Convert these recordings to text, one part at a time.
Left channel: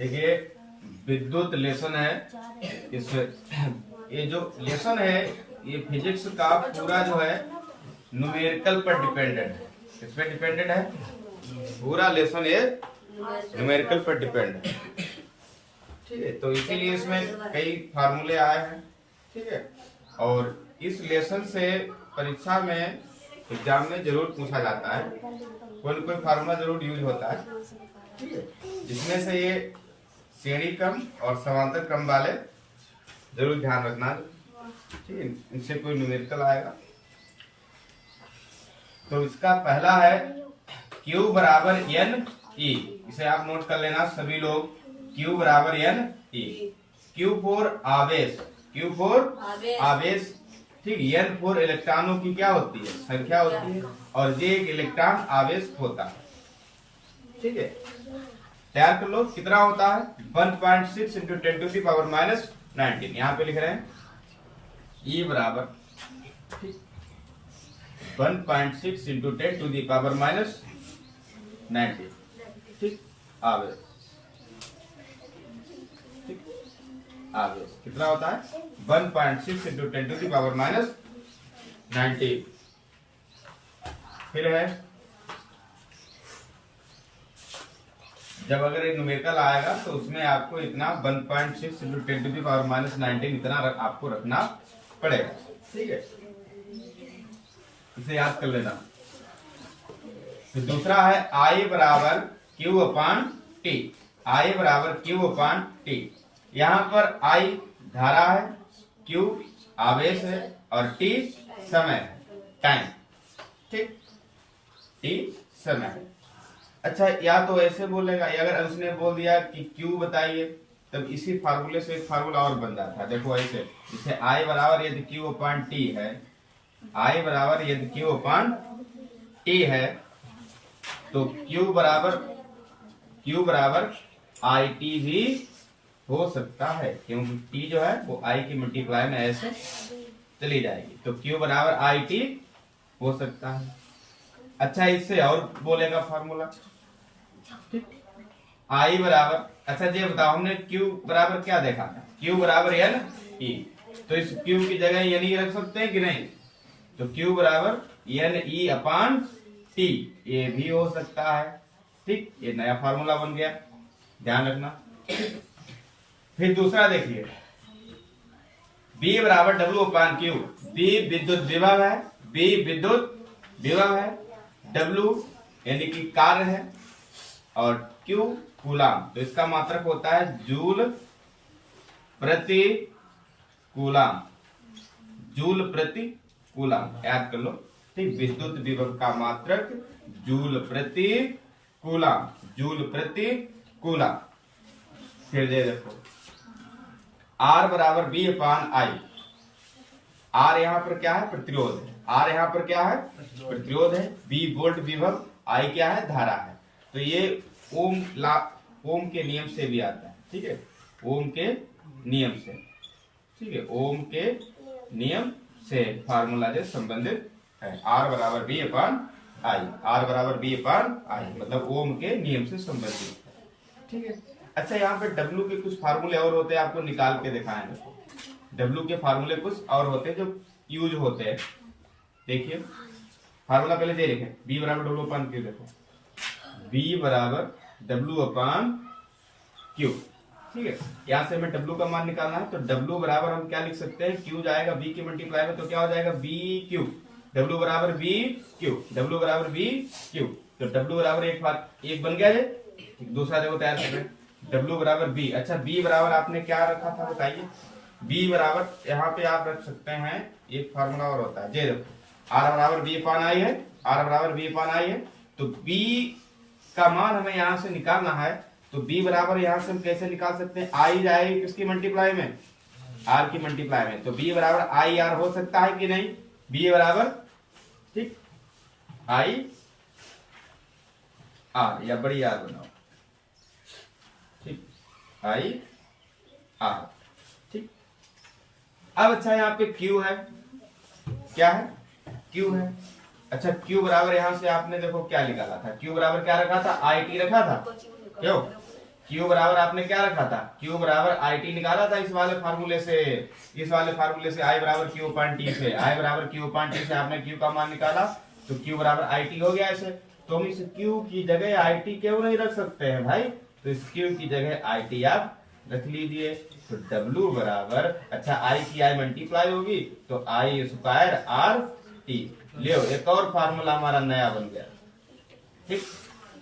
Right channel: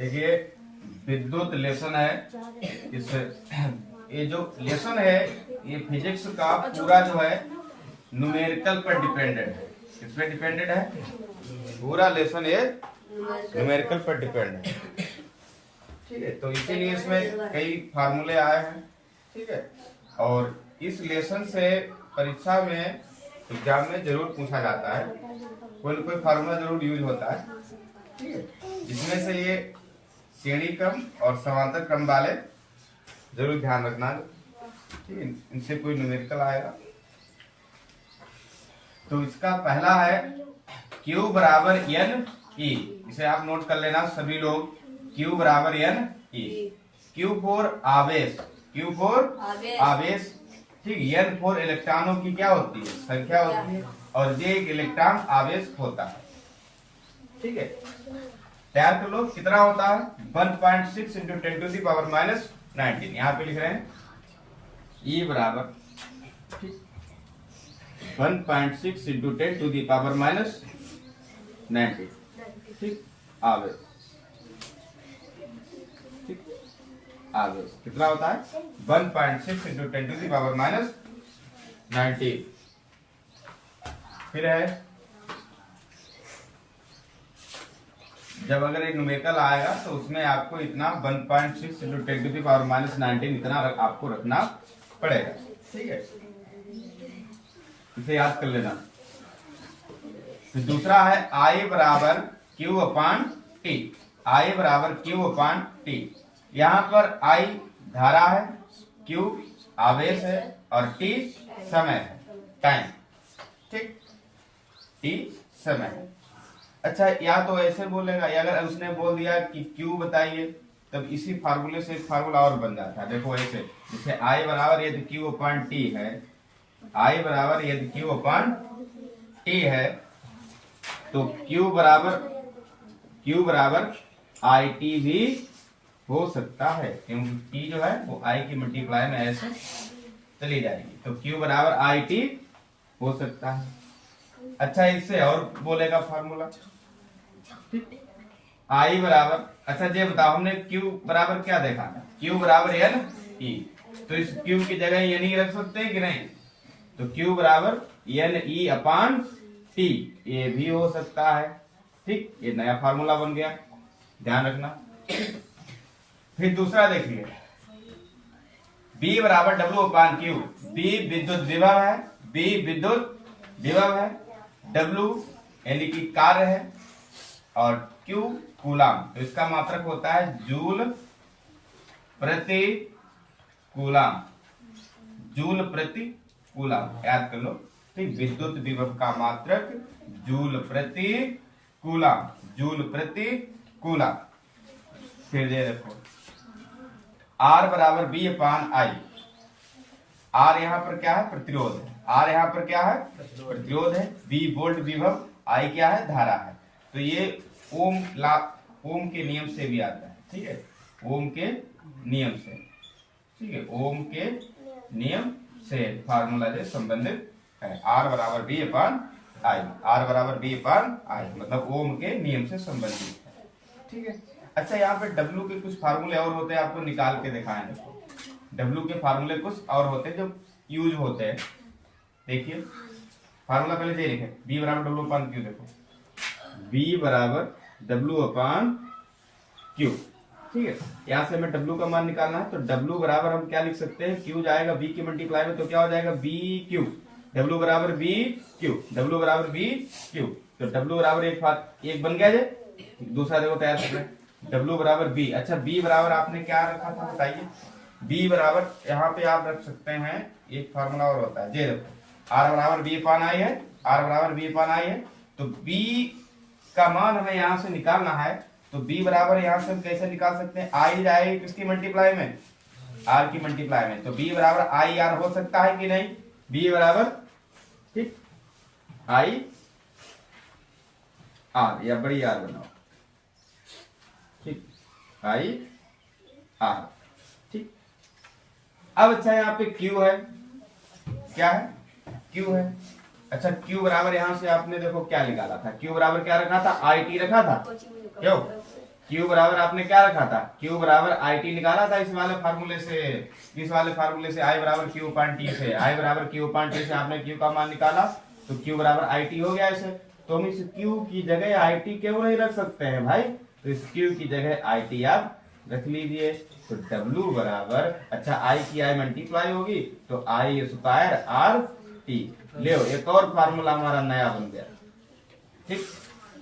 देखिए विद्युत लेसन है। इस ये जो लेसन है ये फिजिक्स का पूरा जो है न्यूमेरिकल पर डिपेंडेंट है। किस पे डिपेंडेंट है? पूरा लेसन ये न्यूमेरिकल पर डिपेंडेंट है। ठीक है, तो इसीलिए इसमें कई फार्मूले आए हैं। ठीक है, और इस लेसन से परीक्षा में एग्जाम में जरूर पूछा जाता है, कोई न कोई फार्मूला जरूर यूज होता है। ठीक है, जिसमें से ये श्रेणी क्रम और समांतर क्रम वाले जरूर ध्यान रखना। ठीक है, इनसे कोई न्यूमेरिकल आएगा। तो इसका पहला है Q बराबर एन ई। इसे आप नोट कर लेना सभी लोग। Q बराबर एन ई। Q फॉर आवेश, Q फॉर आवेश। ठीक, N फॉर इलेक्ट्रॉनों की क्या होती है? संख्या होती है, और J एक इलेक्ट्रॉन आवेश होता है। ठीक है, तैयार कर लो। कितना होता है? 1.6 into 10 to the power minus 19। यहाँ पे लिख रहे हैं E बराबर 1.6 into 10 to the power minus 19। ठीक, आवेश। ठीक, आवेश कितना होता है? 1.6 into 10 to the power minus 19। फिर है जब अगर एक न्यूमेरिकल आएगा तो उसमें आपको इतना 1.6 into 10 to the power minus 19 इतना आपको रखना पड़ेगा। ठीक है, इसे याद कर लेना। तो दूसरा है I बराबर Q अपान टी। I बराबर Q अपान टी। यहाँ पर I धारा है, Q आवेश है, और T समय है, टाइम। ठीक, T समय है। अच्छा, या तो ऐसे बोलेगा, या अगर उसने बोल दिया कि Q बताइए, तब इसी फार्मूले से एक फार्मूला और बन जाता है। देखो ऐसे, जैसे I बराबर यदि Q अपान टी है, I बराबर यदि Q अपान टी है, तो Q बराबर आई टी भी हो सकता है, क्योंकि T जो है वो I की मल्टीप्लाई में ऐसे चली जाएगी। तो Q बराबर आई टी हो सकता है। अच्छा, इससे और बोलेगा फार्मूला। I बराबर, अच्छा ये बताओ, हमने Q बराबर क्या देखा था? Q बराबर एन ई। तो इस Q की जगह एन ई रख सकते हैं कि नहीं? तो Q बराबर एन ई अपान टी, ये भी हो सकता है। ठीक, ये नया फार्मूला बन गया, ध्यान रखना। फिर दूसरा देखिए, B बराबर W अपान Q। B विद्युत विभव है, B विद्युत विभव है, W यानी कि कार्य है, और Q कूलाम। तो इसका मात्रक होता है जूल प्रति कूलाम। जूल प्रति कूलाम, याद कर लो। ठीक, विद्युत विभव का मात्रक जूल प्रति कूलाम, जूल प्रति कूलाम। फिर दे देखो, R बराबर B अपान I। R यहाँ पर क्या है? प्रतिरोध है। R यहाँ पर क्या है? प्रतिरोध है। B वोल्ट विभव, I क्या है? धारा है। तो ये ओम के नियम से भी आता है। ठीक है, ओम के नियम से। ठीक है, ओम के नियम से फार्मूला से संबंधित है। R बराबर B अपान I, R बराबर B अपान I, मतलब ओम के नियम से संबंधित है। ठीक है, अच्छा यहाँ पे W के कुछ फार्मूले और होते हैं, आपको निकाल के दिखाएंगे। W के फार्मूले कुछ और होते हैं जो यूज होते हैं। देखिए फार्मूला पहले दे लिखे, B बराबर W अपान Q। देखो B बराबर W अपान Q। ठीक है, यहाँ से हमें W का मान निकालना है, तो W बराबर हम क्या लिख सकते हैं? Q जाएगा B की मल्टीप्लाई में, तो क्या हो जाएगा? BQ। W बराबर BQ, W बराबर BQ। तो W बराबर एक बन गया है। दूसरा देखो तैयार कर रहे हैं, W बराबर B। अच्छा, B बराबर आपने क्या रखा था बताइए? B बराबर यहाँ पे आप रख सकते हैं, एक फार्मूला और होता है, ये देखो, R बराबर B अपान I है, R बराबर B अपान I है। तो B का मान हमें यहाँ से निकालना है, तो B बराबर यहाँ से हम कैसे निकाल सकते हैं? I जाएगी किसकी मल्टीप्लाई में? R की मल्टीप्लाई में। तो B बराबर I R हो सकता है कि नहीं? B बराबर, ठीक, I R, या बड़ी याद बनाओ। ठीक, I R। ठीक, अब अच्छा यहाँ पे Q है, क्या है? Q है। अच्छा, Q बराबर यहाँ से आपने देखो क्या निकाला था? Q बराबर क्या रखा था? I T रखा था, क्यों? Q बराबर आपने क्या रखा था, Q बराबर IT निकाला था इस वाले फार्मूले से, I बराबर Q अपान T से, I बराबर Q अपान T से आपने Q का मान निकाला तो Q बराबर IT हो गया ऐसे। तो हम इस Q की जगह IT क्यों नहीं रख सकते हैं भाई, तो इस Q की जगह IT आप रख लीजिए। तो W बराबर, अच्छा I की I मल्टीप्लाई होगी तो I स्क्वायर RT, ले एक और फार्मूला हमारा नया बन गया। ठीक,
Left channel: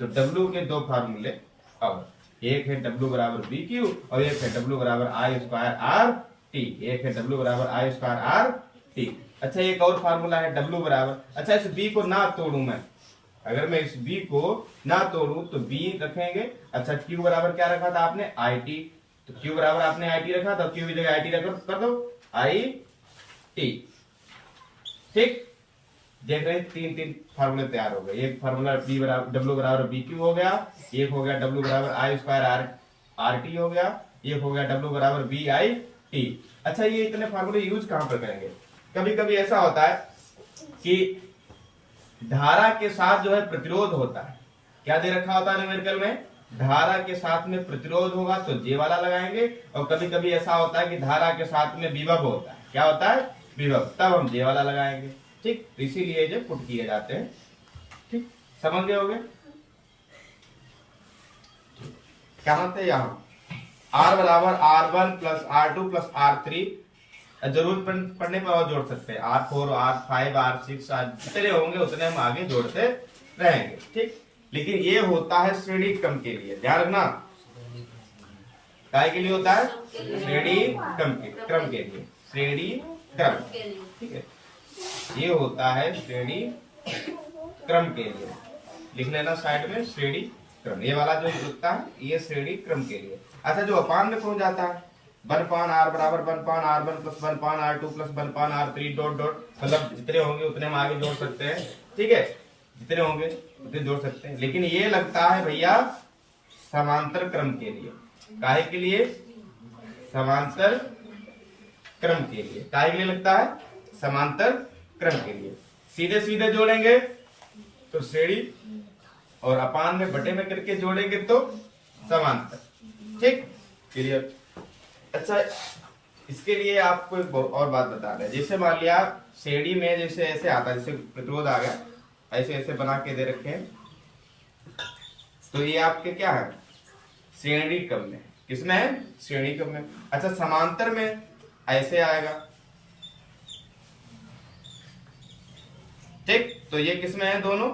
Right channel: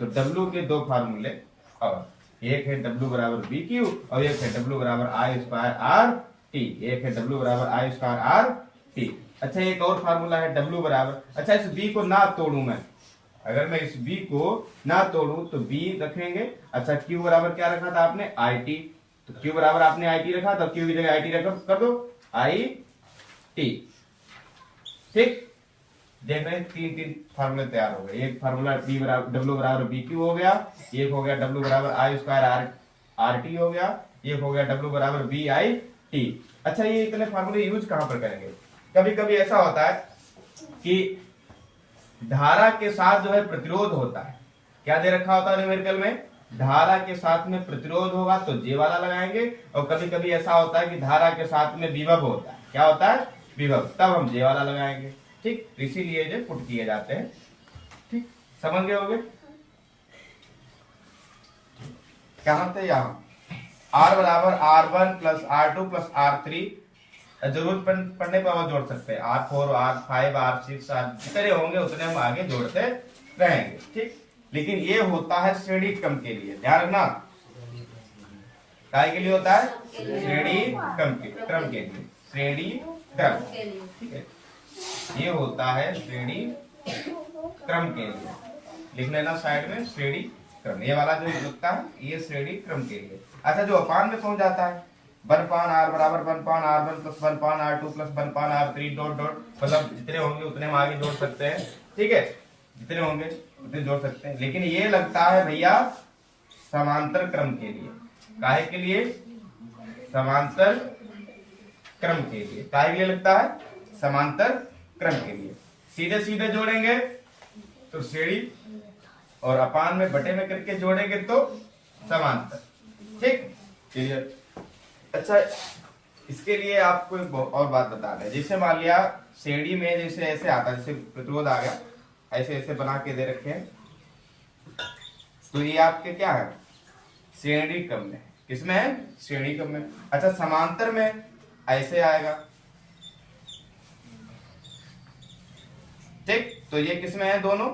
तो W के दो फार्मूले, और एक है W बराबर BQ और एक है W बराबर I स्क्वायर RT, एक है W बराबर I स्क्वायर RT। अच्छा एक और फार्मूला है W बराबर, अच्छा इस B को ना तोड़ू मैं, अगर मैं इस B को ना तोड़ू तो B रखेंगे। अच्छा Q बराबर क्या रखा था आपने, IT, तो Q बराबर आपने IT रखा तो Q की जगह IT रख कर दो IT। ठीक, देख रहे हैं तीन तीन फार्मूले तैयार हो गए। एक फार्मूला बी बराबर W बराबर BQ हो गया, एक हो गया W बराबर I स्क्वायर RT हो गया, एक हो गया W बराबर BIT। अच्छा ये इतने फार्मूले यूज कहां पर करेंगे, कभी कभी ऐसा होता है कि धारा के साथ जो है प्रतिरोध होता है, क्या दे रखा होता है न्यूमेरिकल में, धारा के साथ में प्रतिरोध होगा तो जे वाला लगाएंगे, और कभी कभी ऐसा होता है कि धारा के साथ में विभव होता है, क्या होता है विभव, तब हम जे वाला लगाएंगे। ठीक, तो इसीलिए जो पुट किए जाते हैं। ठीक, समझ गए होंगे क्या होता है यहाँ R बराबर R1 plus R2 plus R3, जरूर पढ़ने पर और जोड़ सकते हैं, R4 R5 R6 जितने होंगे उतने हम आगे जोड़ते रहेंगे। ठीक, लेकिन ये होता है श्रेणी क्रम के लिए, ध्यान रखना, काय के लिए होता है, श्रेणी क्रम के लिए, श्रेणी क्रम, ठीक है, ये होता है श्रेणी क्रम के लिए, लिख लेना साइड में श्रेणी क्रम, ये वाला जो लगता है ये श्रेणी क्रम के लिए। अच्छा जो अपान में पहुंच जाता है, 1 पान R बराबर 1 पान R1 प्लस 1 पान R2 प्लस 1 पान R3 डॉट डॉट, मतलब जितने होंगे उतने हम आगे जोड़ सकते हैं। ठीक है, जितने होंगे उतने जोड़ सकते हैं, लेकिन ये लगता है भैया समांतर क्रम के लिए, काहे के लिए, समांतर क्रम के लिए, काहे के लिए लगता है, समांतर क्रम के लिए। सीधे सीधे जोड़ेंगे तो श्रेणी, और अपान में बटे में करके जोड़ेंगे तो समांतर। ठीक, क्लियर। अच्छा इसके लिए आपको एक और बात बता दें, जैसे मान लिया श्रेणी में जैसे ऐसे आता है, जैसे प्रतिरोध आ गया, ऐसे ऐसे बना के दे रखे हैं, तो ये आपके क्या है, श्रेणी क्रम में, किसमें है, श्रेणी क्रम में। अच्छा समांतर में ऐसे आएगा, ठीक, तो ये किसमें है, दोनों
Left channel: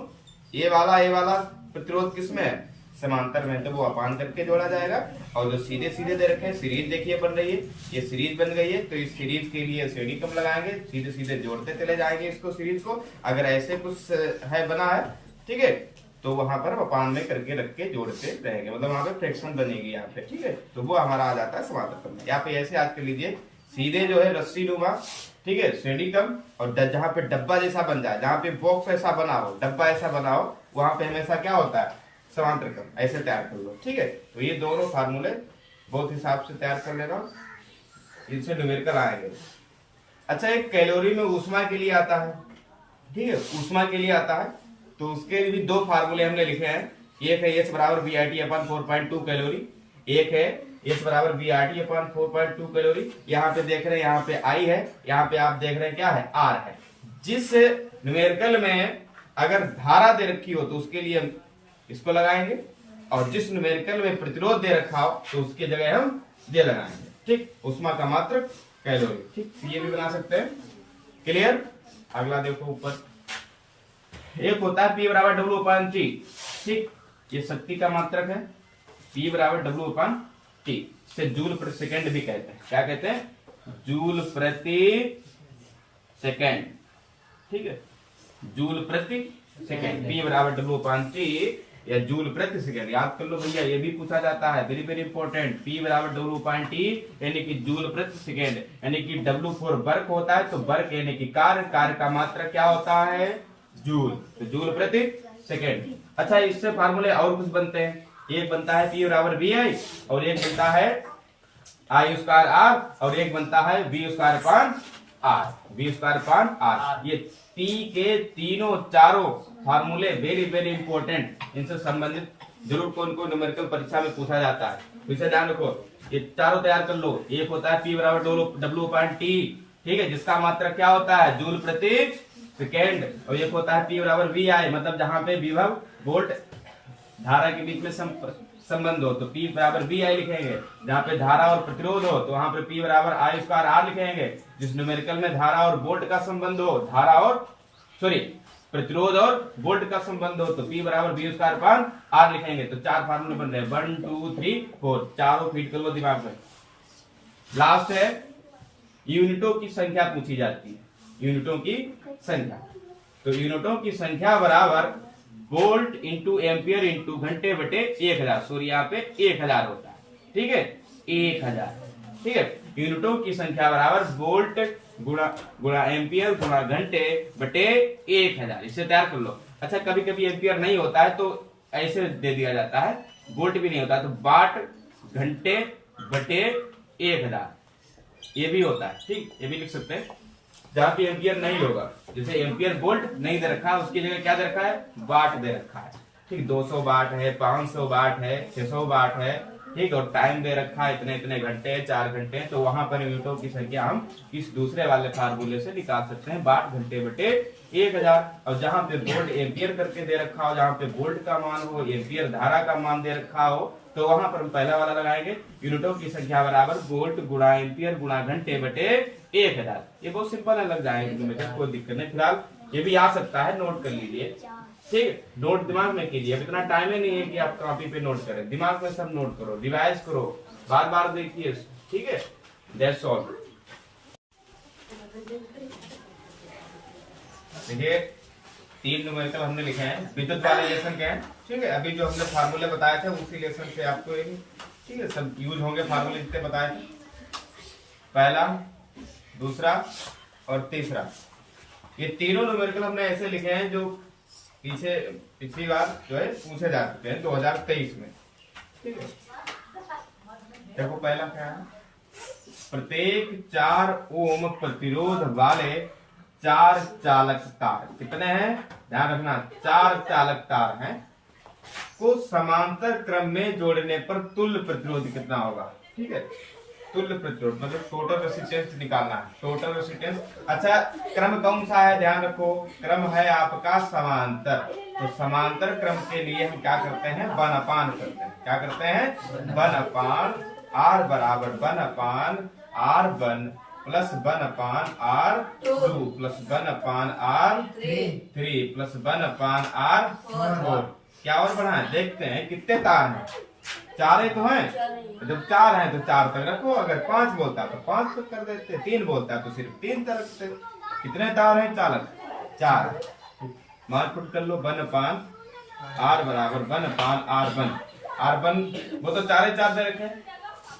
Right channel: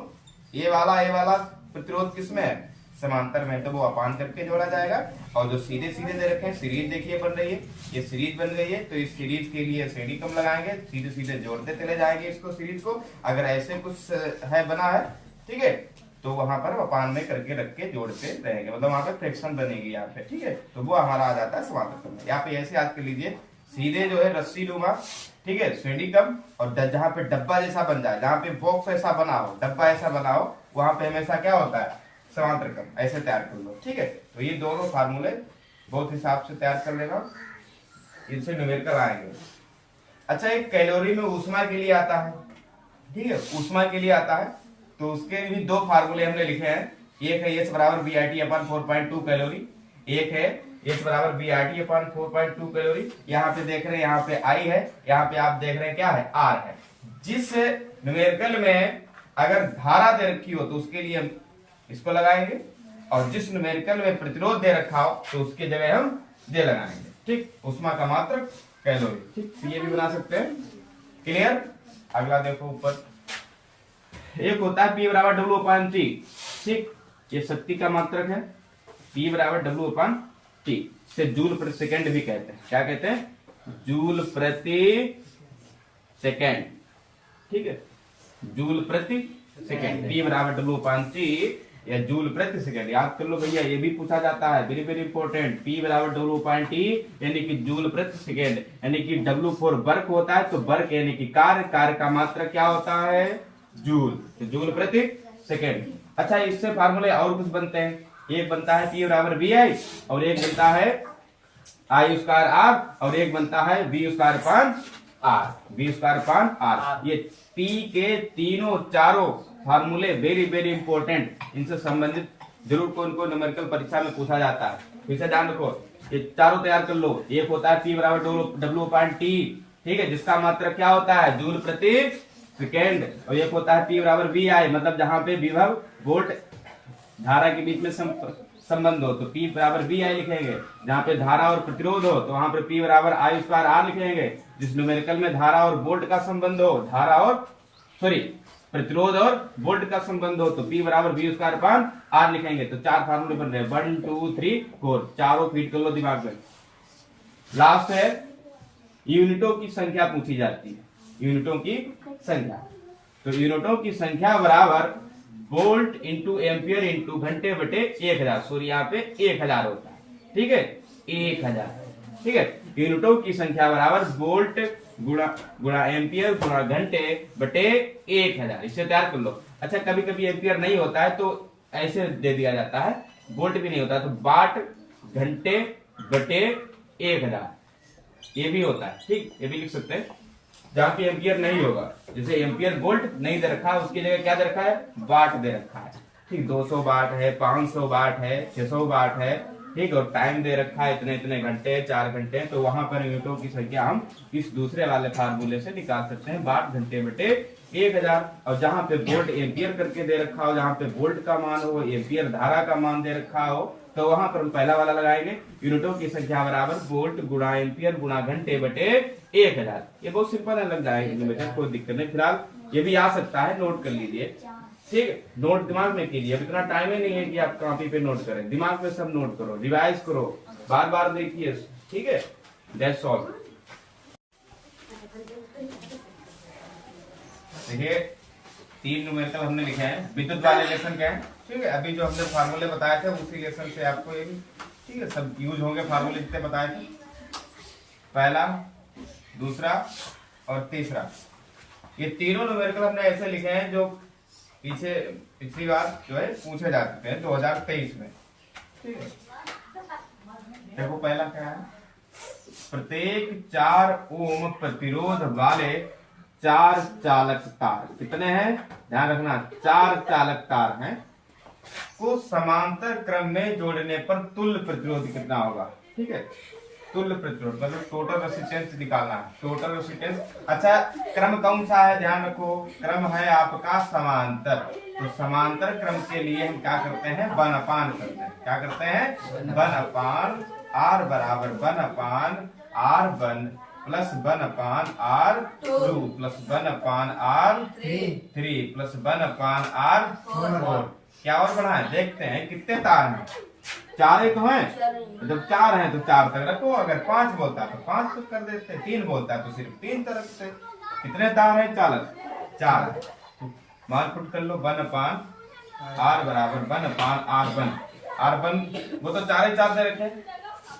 ये वाला प्रतिरोध किसमें है, समांतर में, तो वो अपान करके जोड़ा जाएगा। और जो सीधे सीधे दे रखे हैं, सीरीज देखिए बन रही है, ये सीरीज बन गई है, तो इस सीरीज के लिए श्रेणी क्रम लगाएंगे, सीधे सीधे जोड़ते चले जाएंगे इसको, सीरीज को। अगर ऐसे कुछ है बना है, ठीक है, तो वहां पर अपान में करके रख के जोड़ते रहेंगे, मतलब वहां पर फ्रैक्शन बनेगी यहाँ पे। ठीक है, तो वो हमारा आ जाता है समांतर क्रम। यहाँ पे ऐसे याद कर लीजिए, सीधे जो है रस्सी नुमा, ठीक है, श्रेणी क्रम, और जहाँ पे डब्बा जैसा बन जाए, जहाँ पे बॉक्स ऐसा बना हो, डब्बा ऐसा बना हो, वहां पे हमेशा क्या होता है, समांतर क्रम, ऐसे तैयार कर लो। ठीक है, तो ये दोनों फार्मूले बहुत हिसाब से तैयार कर लेना, इनसे न्यूमेरिकल आएंगे। अच्छा एक कैलोरी में ऊष्मा के लिए आता है, ठीक है, ऊष्मा के लिए आता है, तो उसके भी दो फार्मूले हमने लिखे हैं, एक है H बराबर BIT अपॉन 4.2 कैलोरी, एक है H बराबर BIT अपॉन 4.2 कैलोरी। यहाँ पे देख रहे हैं, यहाँ पे I है, यहाँ पे आप देख रहे हैं क्या है, R है। जिस न्यूमेरिकल में अगर धारा दे रखी हो तो उसके लिए हम इसको लगाएंगे, और जिस न्यूमेरिकल में प्रतिरोध दे रखा हो तो उसके जगह हम जे लगाएंगे। ठीक, ऊष्मा का मात्रक कैलोरी। ठीक, ये भी बना सकते हैं, क्लियर। अगला देखो ऊपर, एक होता है P बराबर W अपान T। ठीक, ये शक्ति का मात्रक है, P बराबर W अपान T, से जूल प्रति सेकेंड भी कहते हैं, क्या कहते हैं, जूल प्रति सेकेंड। ठीक है, जूल प्रति सेकेंड, P बराबर W अपान T या जूल प्रति सेकेंड, याद कर लो भैया, ये भी पूछा जाता है, वेरी वेरी इंपॉर्टेंट। P बराबर W अपान T यानी कि जूल प्रति सेकेंड, यानी कि W फॉर वर्क होता है, तो वर्क यानी कि कार्य, कार्य का मात्रक क्या होता है, जूल, तो जूल प्रति सेकेंड। अच्छा इससे फार्मूले और कुछ बनते हैं, एक बनता है P बराबर VI, और एक बनता है I स्क्वायर R, और एक बनता है V square upon R, V square upon R। ये P के तीनों चारों फार्मूले वेरी वेरी इंपॉर्टेंट, इनसे संबंधित जरूर कोई न कोई न्यूमेरिकल परीक्षा में पूछा जाता है। फिर से ध्यान रखो, ये चारों तैयार कर लो। एक होता है P बराबर W/T, ठीक है, जिसका मात्रक क्या होता है जूल प्रति सेकेंड, और एक होता है P बराबर VI, मतलब जहां पे विभव वोल्ट धारा के बीच में संबंध हो तो P बराबर VI लिखेंगे। जहां पे धारा और प्रतिरोध हो तो वहां पे P बराबर I²R लिखेंगे। जिस न्यूमेरिकल में धारा और वोल्ट का संबंध हो, धारा और प्रतिरोध और वोल्ट का संबंध हो तो P बराबर V²/R लिखेंगे। तो 4 फार्मूले बन रहे हैं, 1 2 3 4, चारों फीड कर लो दिमाग में। लास्ट है यूनिटों की संख्या पूछी जाती है, यूनिटों की संख्या। तो यूनिटों की संख्या बराबर वोल्ट इंटू एम्पियर इंटू घंटे बटे 1000, सॉरी यहाँ पे 1000 होता है, ठीक है, 1000, ठीक है। यूनिटों की संख्या बराबर वोल्ट गुणा एम्पियर गुणा घंटे बटे 1000, इसे तैयार कर लो। अच्छा, कभी कभी एम्पियर नहीं होता है तो ऐसे दे दिया जाता है, वोल्ट भी नहीं होता तो वाट घंटे बटे 1000, ये भी होता है, ठीक, ये भी लिख सकते हैं। जहां पे एम्पियर नहीं होगा, जैसे एम्पियर वोल्ट नहीं दे रखा है, उसकी जगह क्या दे रखा है, वाट दे रखा है, ठीक, 200 वाट है, 500 वाट है, 600 वाट है, ठीक, और टाइम दे रखा है इतने इतने घंटे, 4 घंटे, तो वहां पर यूनिटों की संख्या हम इस दूसरे वाले फार्मूले से निकाल सकते हैं, वाट घंटे बटे 1000। और जहां पे वोल्ट एम्पियर करके दे रखा हो, जहां पे वोल्ट का मान हो, एम्पियर धारा का मान दे रखा हो, तो वहां पर हम पहला वाला लगाएंगे, यूनिटों की संख्या बराबर वोल्ट गुणा एम्पियर गुणा घंटे बटे 1000। ये बहुत सिंपल है, लग जाएगा, कोई दिक्कत नहीं। फिलहाल ये भी आ सकता है, नोट कर लीजिए, ठीक, नोट दिमाग में कीजिए। अब इतना टाइम ही नहीं है कि आप कॉपी पे नोट करें, दिमाग में सब नोट करो, रिवाइज करो, बार बार देखिए, ठीक है, दैट्स ऑल। देखिए 3 न्यूमेरिकल हमने लिखे हैं, विद्युत वाले लेसन क्या है, ठीक है, अभी जो हमने फार्मूले बताए थे उसी लेसन से आपको ये, ठीक है, सब यूज होंगे फार्मूले जितने बताए थे, पहला, दूसरा और तीसरा। ये तीनों न्यूमेरिकल हमने ऐसे लिखे हैं जो पिछली बार जो है पूछे जा चुके हैं 2023 में, ठीक है। देखो पहला क्या है, प्रत्येक 4 ओम प्रतिरोध वाले 4 चालक तार, कितने हैं ध्यान रखना, 4 चालक तार हैं, को समांतर क्रम में जोड़ने पर तुल्य प्रतिरोध कितना होगा, ठीक है, तुल्य प्रतिरोध मतलब टोटल रेसिस्टेंस निकालना है, टोटल रेसिस्टेंस। अच्छा, क्रम कौन सा है ध्यान रखो, क्रम है आपका समांतर, तो समांतर क्रम के लिए हम क्या करते हैं, 1/, करते हैं, क्या करते हैं, 1/, R बराबर 1/R1 plus 1/R2 plus 1/R3 plus 1/R4। क्या और बढ़ा है, देखते हैं कितने तार हैं, 4 ही तो हैं, जब 4 हैं तो 4 तक रखो, अगर 5 बोलता है तो 5 तक कर देते, 3 बोलता है तो सिर्फ 3 तक रखते। कितने तार हैं चालक, 4, मार्क कर लो, 1/R बराबर 1/R1, R1 वो तो 4 ही 4 दे रखे,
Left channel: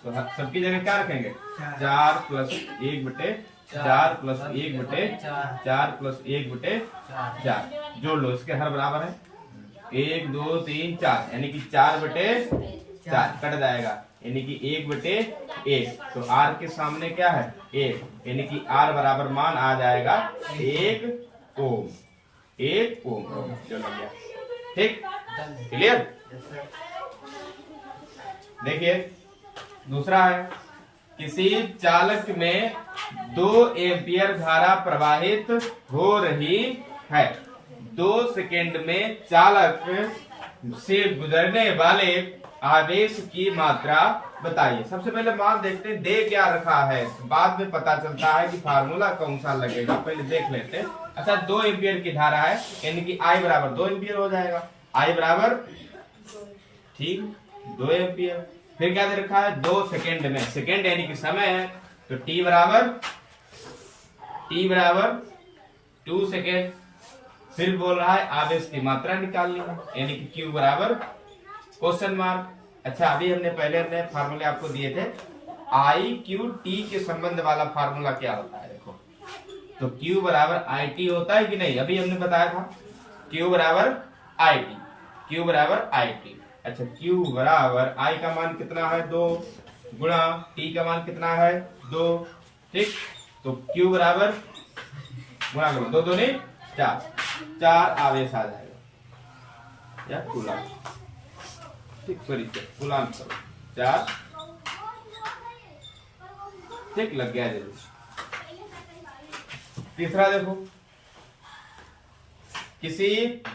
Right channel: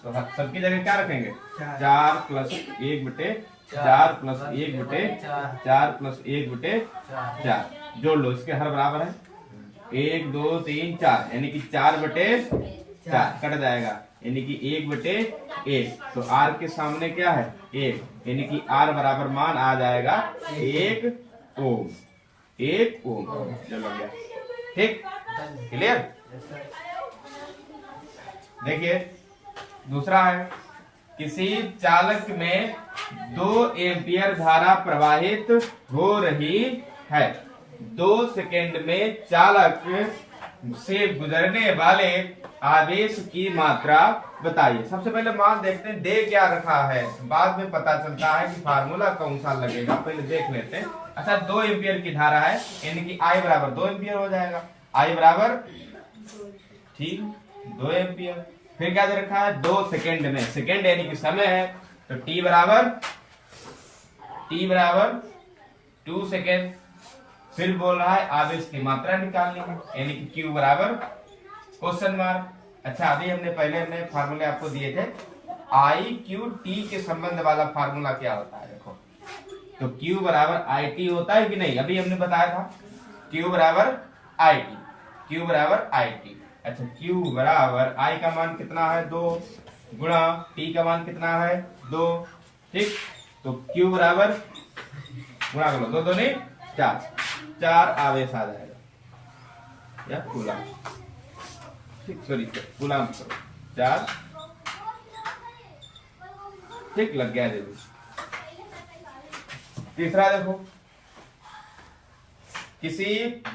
तो सबकी जगह क्या रखेंगे, 4 प्लस 1 बटे 4 प्लस 1 बटे 4 प्लस 1 बटे 4, जोड़ लो, इसके हर बराबर है, 1 2 3 4, यानी कि 4 बटे 4 कट जाएगा, यानी कि 1 बटे 1, तो R के सामने क्या है 1, यानी कि R बराबर मान आ जाएगा 1 ओम, 1 ओम। चलो गया, ठीक, क्लियर। देखिए दूसरा है, किसी चालक में 2 एम्पियर धारा प्रवाहित हो रही है, 2 सेकेंड में चालक से गुजरने वाले आवेश की मात्रा बताइए। सबसे पहले मान देखते हैं, दे क्या रखा है, बाद में पता चलता है कि फार्मूला कौन सा लगेगा, पहले देख लेते हैं। अच्छा, 2 एम्पियर की धारा है, यानी कि I बराबर 2 एम्पियर हो जाएगा, I बराबर, ठीक, 2 एम्पियर। फिर क्या दे रखा है, 2 सेकेंड में, सेकेंड यानी कि समय है, तो T बराबर 2 सेकेंड। फिर बोल रहा है आवेश की मात्रा निकालनी है, यानी कि Q बराबर क्वेश्चन मार्क। अच्छा, अभी हमने पहले फार्मूले आपको दिए थे, I/Q/T के संबंध वाला फार्मूला क्या होता है, देखो, तो Q बराबर IT होता है कि नहीं, अभी हमने बताया था, Q बराबर IT, Q बराबर IT। अच्छा, Q बराबर I का मान कितना है 2 गुणा T का मान कितना है 2, ठीक, तो Q बराबर गुणा करो, 2 2 नहीं 4 आवेश आ जाएगा, या खुला, ठीक, सॉरी गुलाम करो 4, ठीक लग गया जरूर। तीसरा देखो, किसी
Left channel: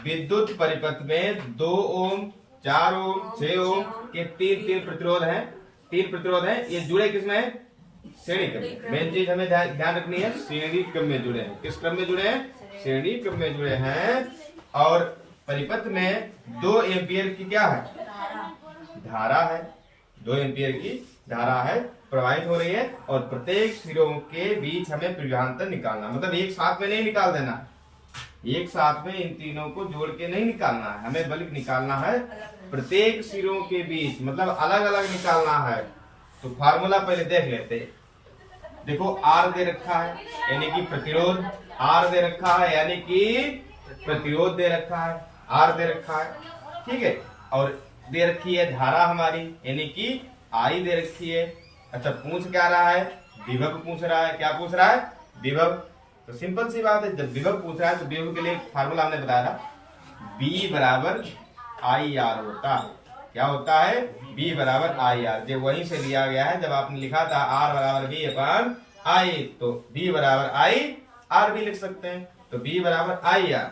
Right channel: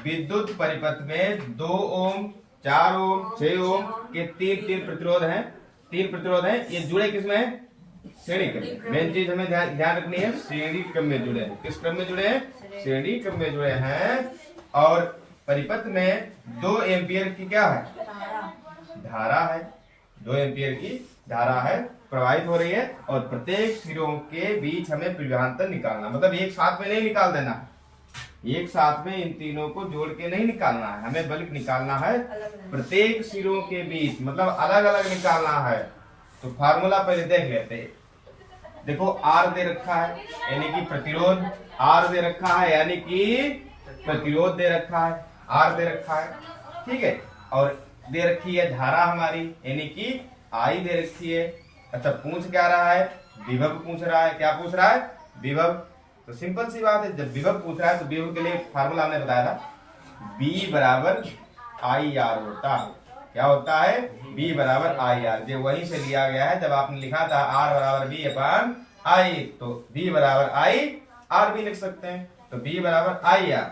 विद्युत परिपथ में 2 ओम 4 ओम 6 ओम के तीन प्रतिरोध हैं, ये जुड़े किसमें है? श्रेणी क्रम में। मेन चीज हमें ध्यान रखनी है, श्रेणी क्रम में जुड़े हैं। किस क्रम में जुड़े हैं? श्रेणी क्रम में जुड़े हैं। और परिपथ में 2 एम्पियर की क्या है? धारा है। 2 एम्पियर की धारा है, प्रवाहित हो रही है। और प्रत्येक सिरों के बीच हमें विभवांतर निकालना, मतलब एक साथ में नहीं निकाल देना, एक साथ में इन तीनों को जोड़ के नहीं निकालना है हमें, बल्कि निकालना है प्रत्येक सिरों के बीच, मतलब अलग अलग निकालना है। तो फार्मूला पहले देख लेते हैं। देखो आर दे रखा है यानी कि प्रतिरोध, आर दे रखा है यानी कि प्रतिरोध दे रखा है, आर दे रखा है, ठीक है। और दे रखी है धारा हमारी यानी कि आई दे रखी है। अच्छा, पूछ क्या रहा है? विभव पूछ रहा है। क्या पूछ रहा है? विभव। तो सिंपल सी बात है, जब विभव पूछ रहा है तो विभव के लिए फार्मूला हमने बताया था, B बराबर आई आर होता है। क्या होता है? B बराबर आई आर। जो वहीं से दिया गया है, जब आपने लिखा था R बराबर B अपान आई, तो B बराबर आई आर भी लिख सकते हैं। तो B बराबर आई आर,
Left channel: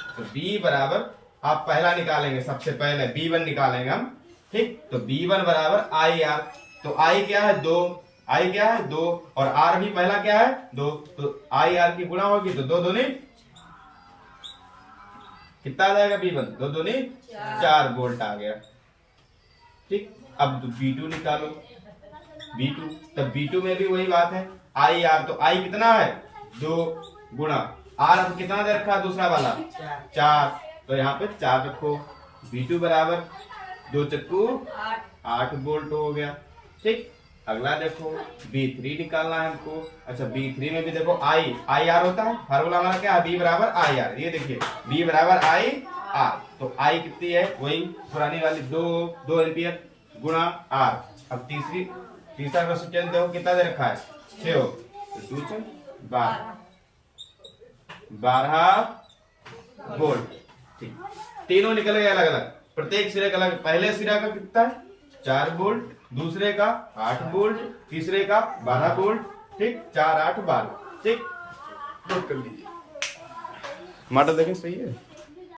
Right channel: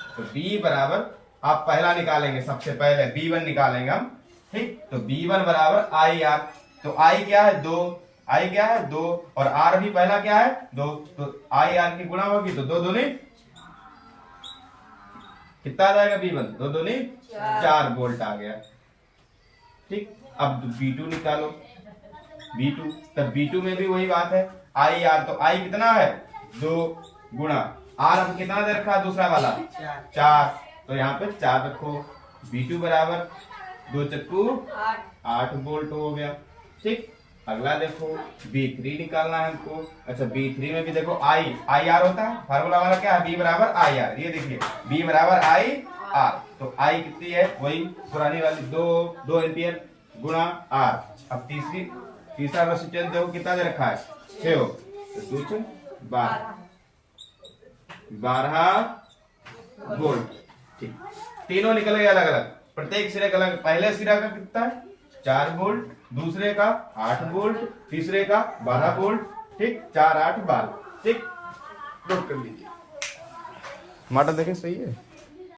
तो B बराबर आप पहला निकालेंगे, सबसे पहले B1 निकालेंगे हम, ठीक। तो B1 बराबर आई आर। तो I क्या है? 2। I क्या है? 2। और R भी पहला क्या है? 2। तो आई आर की गुणा होगी तो 2 दूनी कितना आ जाएगा? B1 2 दूनी 4 वोल्ट आ गया, ठीक। अब B2 निकालो, B2, तब B2 में भी वही बात है, आई आर। तो I कितना है? 2 गुणा R अब कितना दे रखा है? दूसरा वाला 4। तो यहाँ पे 4 रखो। B2 बराबर 2 चक्कू 8 वोल्ट हो गया, ठीक। अगला देखो B3 निकालना है हमको। अच्छा, B3 में भी देखो आई आर होता है, फार्मूला हमारा क्या है? B बराबर आई आर। ये देखिए B बराबर आई आर। तो आई कितनी है? वही पुरानी वाली 2 एम्पियर गुणा आर। अब तीसरा रेसिस्टेंस देखो कितना दे रखा है? 6 ओम। तो 12 वोल्ट, ठीक। तीनों निकल गए अलग अलग, प्रत्येक सिरे का अलग। पहले सिरा का कितना है? 4 वोल्ट, दूसरे का 8 वोल्ट, तीसरे का 12 वोल्ट, ठीक। 4 8 12, ठीक। नोट कर लीजिए। टमाटर देखें, सही है।